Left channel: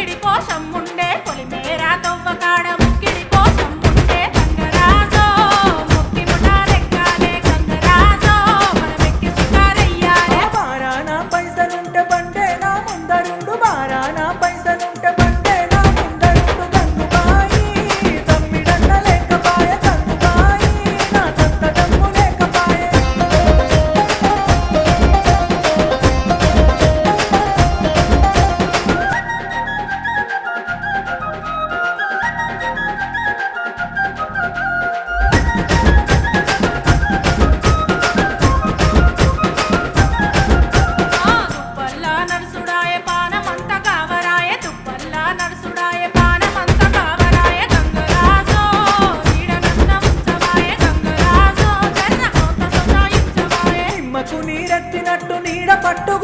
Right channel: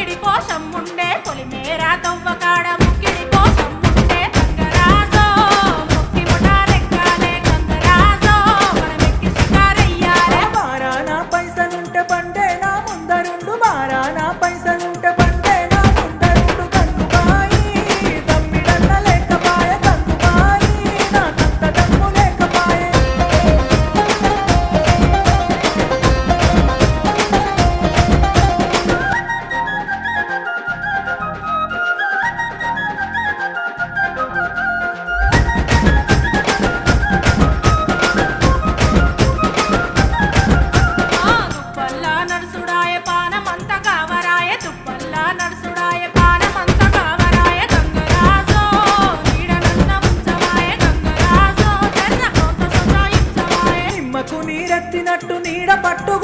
ముక్కిడి కోసం ఉండే పొలిమేరా తవ్వకాడ ముక్కిడి కోసం ఉండే గంగరాజో ముక్కి ముఠారెక్కాలే గంగరాజో మనమెక్కి షికారెయ్యాలే బారానా పైసలుంటే బండే నా ముందరుండు బారానా పైసలుంటే బండే నా ముందరుండు గంగుబాయి తమ్మిడన్న లేకపాయ గంగుబాయి నాకంత దమ్ము లేకపాయే దుప్పల్లా నడుసుడాయ పానమంత కావరాయ దుప్పల్లా నడుసుడాయ పానమంత కావరాయ గంగరాజో నీడనన్న ఉంచవాయ గంగరాజో జర్ర కొంత సొంత ఇంచవాయ నిమ్మకు నీరెత్తినట్టు నీడ పట్టు